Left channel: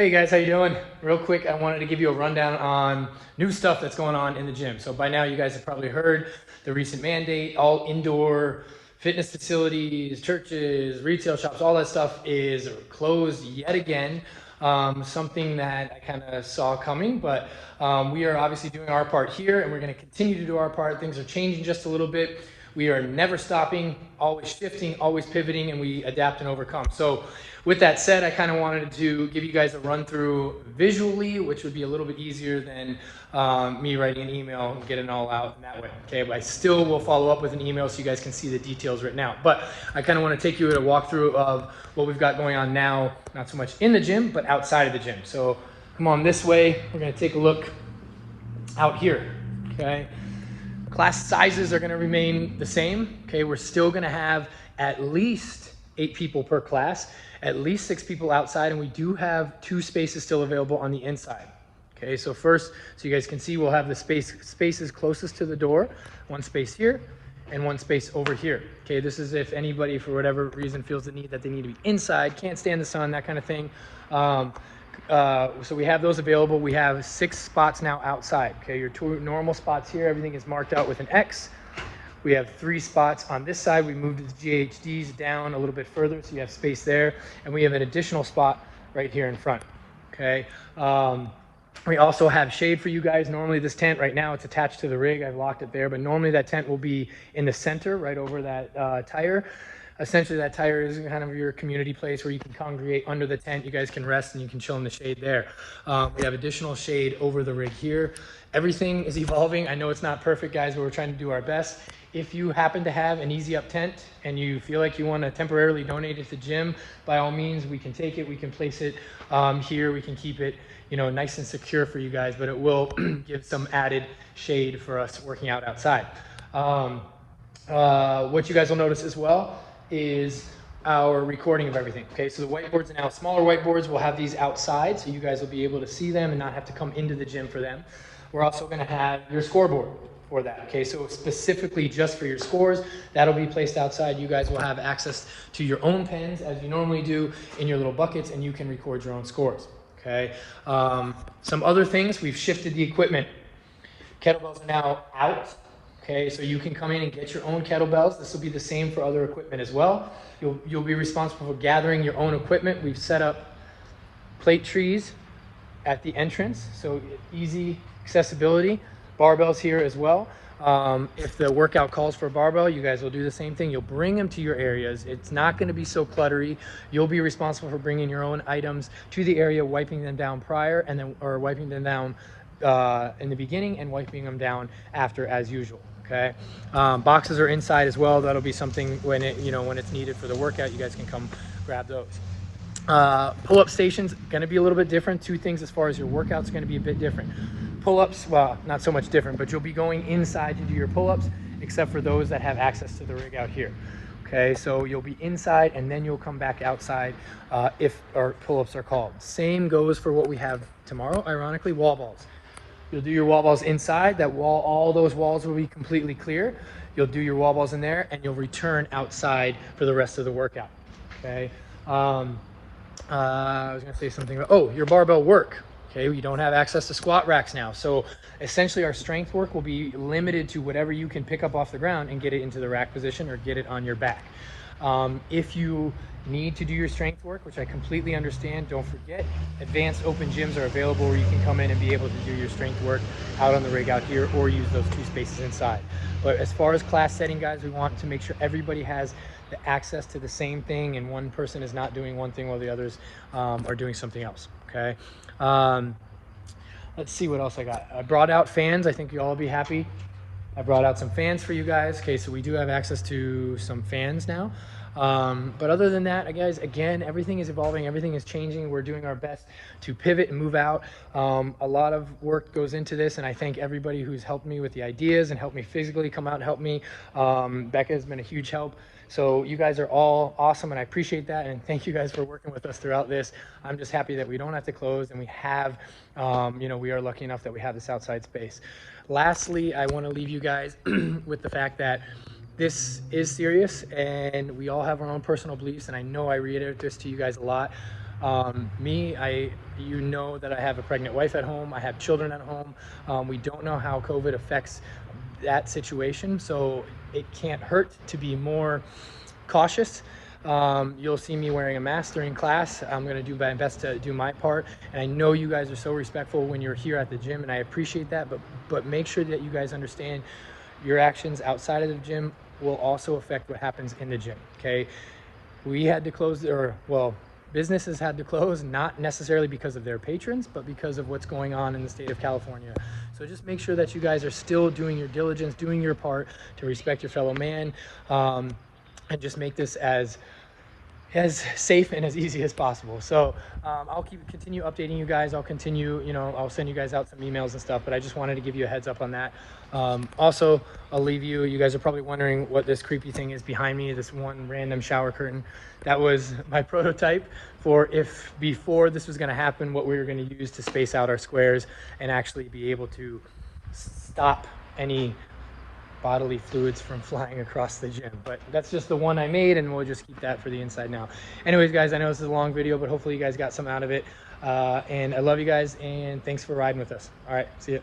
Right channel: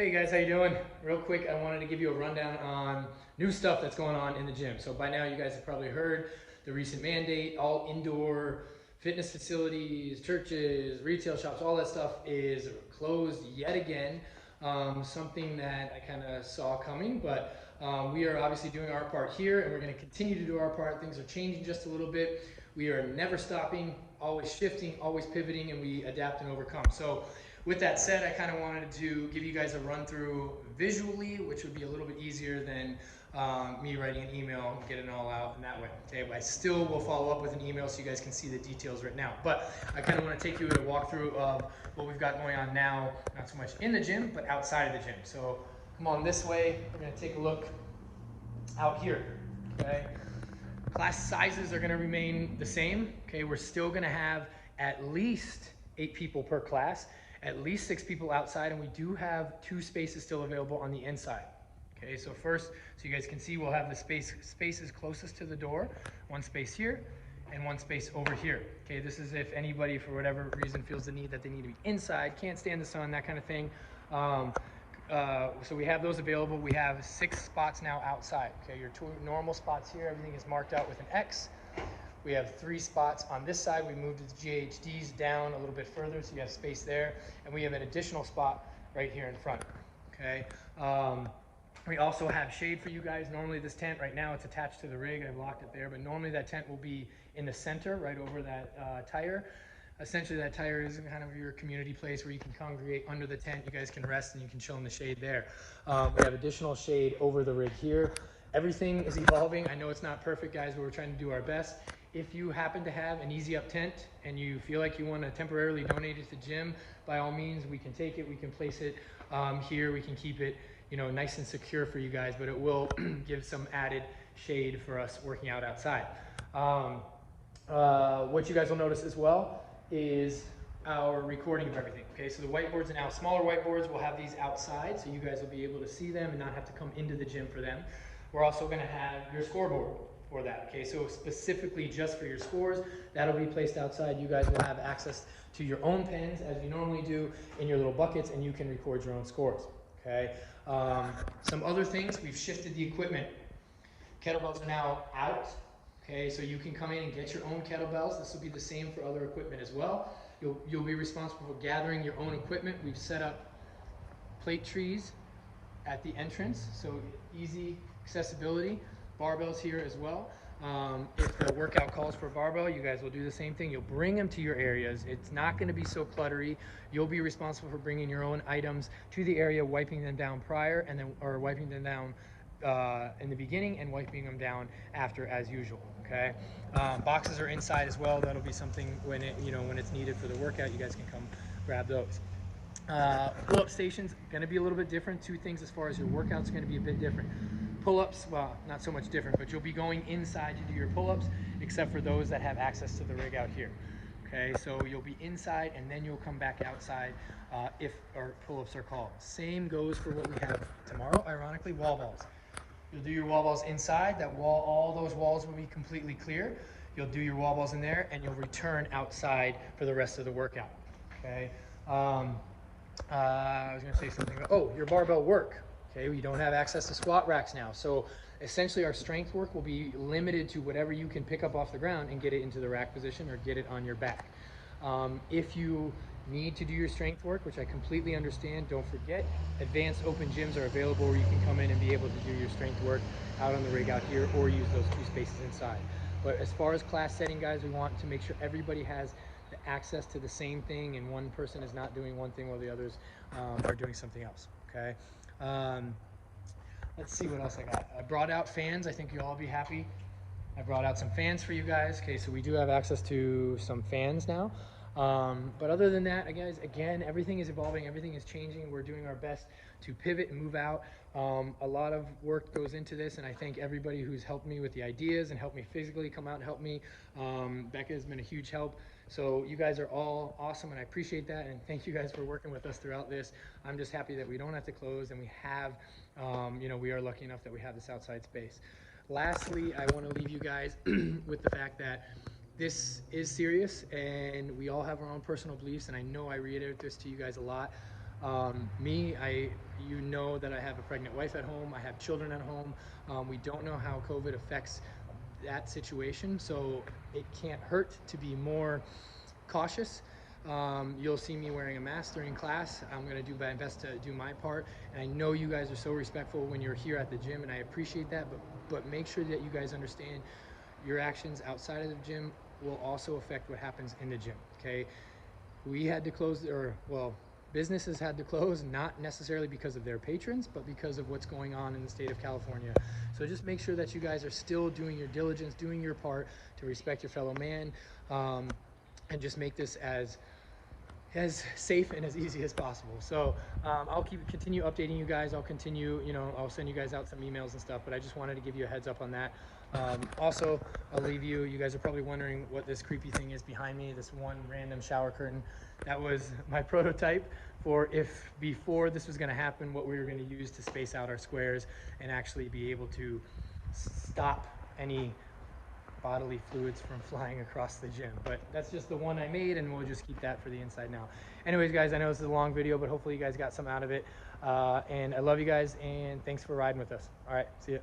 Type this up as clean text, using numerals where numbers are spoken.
Hey guys, how you doing? Real quick, I wanted to give you a rundown on new stuff that's going on in the gym. So by now you guys have probably heard the recent mandate, all indoor fitness facilities, churches, retail shops, all that stuff is closed yet again. Something that I kind of saw coming, but we are obviously doing our part here and we're going to continue to do our part. Things are changing just a little bit. We are never stopping, always shifting, always pivoting, and we adapt and overcome. So with that said, I kind of wanted to give you guys a run through visually, which would be a little bit easier than me writing an email and getting it all out in that way. Okay, but I still will follow up with an email so you guys can see the details written out. But I kind of want to take you at a walkthrough of what we've got going on now, not so much in the gym, but outside of the gym. So come on this way. We're going to take a look out here. Okay. Class sizes are going to remain the same. Okay, we're still going to have at least 8 people per class, at least 6 people outside, and we do have 2 spaces still available on the inside. Okay, so first, so you guys can see, we'll have the spaces closest to the door, 1 space here and 1 space over here. Okay, this is if anybody for whatever reason feels the need that they need to be inside, can't stand the sun, that kind of thing. So we have those available. We have 6 spots now outside. Okay, your 2 normal spots here, everything is marked out with an X. We have 3 spots on this side. We moved the GHDs down a little bit further, so you have space there. And we have an additional spot right here in front. Okay. We also have shade for you guys. Normally this tent right now, it's attached to the rig. I've locked it there, but normally that tent will be in the center, right over that tire. Essentially, that tire is kind of your community place where you can congregate under the tent. You guys can rest and you can chill in the shade there. We have additional shade over the rig here. Everything is evolving. I know it's not perfect, guys, but we're trying to do our best. If you happen to have an easy up tent and you feel like you want to temporarily donate it to the gym, by all means, we can take it. We can place it here. We can keep it, nice and secure for you guys, but it will give some added shade for us working out outside. What you guys will notice as well is our recording of everything. Okay, so the whiteboards are now smaller whiteboards. We'll have these outside so you guys will be able to see them and not have to come into the gym for them. We're also going to have your scoreboard for that. Okay, so specifically just for your scores, that'll be placed outside. You guys will have access to your own pens as you normally do in your little buckets, and you can record your own scores. Okay, some other things, we've shifted the equipment. Kettlebells are now out. Okay, so you can come in and get your own kettlebells. This will be the same for other equipment as well. You'll be responsible for gathering your own equipment. We've set up plate trees at the entrance, so easy accessibility. Barbells here as well. If the workout calls for a barbell, you guys will do the same thing. You'll bring them to your areas. It's not going to be so cluttery. You'll be responsible for bringing your own items to the area, wiping them down prior, and then wiping them down in the beginning and wiping them down after as usual. Okay, boxes are inside as well. That'll be something when it's needed for the workout. You guys can come grab those. Pull-up stations going to be a little bit different. 2 things as far as your workouts going to be a bit different. Pull-ups, well, not so much different, but you'll be going inside to do your pull-ups, except for those that have access to the rig out here. Okay, so you'll be inside and then you'll come back outside if our pull-ups are called. Same goes for what we have tomorrow, ironically, wall balls. You'll do your wall balls inside. That wall, all those walls will be completely clear. You'll do your wall balls in there and you'll return outside for the rest of the workout. Okay. I was going to say something about, your barbell work. Okay, we don't have access to squat racks now. So essentially our strength work will be limited to whatever you can pick up off the ground and get it into the rack position or get it on your back. If you need to do your strength work, which I completely understand, don't forget, advanced open gyms are available where you can come in and be able to do your strength work out on the rig out here or use those 2 spaces inside. But as far as class setting, guys, we want to make sure everybody has the access to the same thing and one person is not doing one thing while the others are doing something else. Okay. Let's see what else I got. I brought out fans. I think you'll all be happy. I brought out some fans for you guys. Okay, so we do have access to some fans now. But other than that, guys, again, everything is evolving, everything is changing. We're doing our best to pivot and move out. A lot of work goes into this, and I thank everybody who's helped me with the ideas and helped me physically come out and help me. Becca has been a huge help. So you guys are all awesome, and I appreciate that, and thank you guys for working with us throughout this. I'm just happy that we don't have to close, and we have, we are lucky enough that we have this outside space. Lastly, I want to leave you guys with the fact that this is serious and we all have our own personal beliefs, and I know I reiterate this to you guys a lot. You know that I have a pregnant wife at home. I have children at home. We don't know how COVID affects that situation, so it can't hurt to be more cautious. You'll see me wearing a mask during class. I'm going to do my best to do my part, and I know you guys are so respectful when you're here at the gym, and I appreciate that, but make sure that you guys understand your actions outside of the gym will also affect what happens in the gym. Okay, we had to close, or well, businesses had to close, not necessarily because of their patrons, but because of what's going on in the state of California. So just make sure that you guys are still doing your diligence, doing your part to respect your fellow man, and just make this as safe and as easy as possible. So I'll continue updating you guys. I'll continue, I'll send you guys out some emails and stuff, but I just wanted to give you a heads up on that. Also, I'll leave you guys are probably wondering what this creepy thing is behind me, this one random shower curtain. That was my prototype for if before this was going to happen, what we were going to use to space out our squares and actually be able to stop any bodily fluids from flying across the gym. But that's just the one I made, and we'll just keep that for the inside now. Anyways, guys, I know this is a long video, but hopefully you guys got some out of it. And I love you guys, and thanks for riding with us. All right, see ya.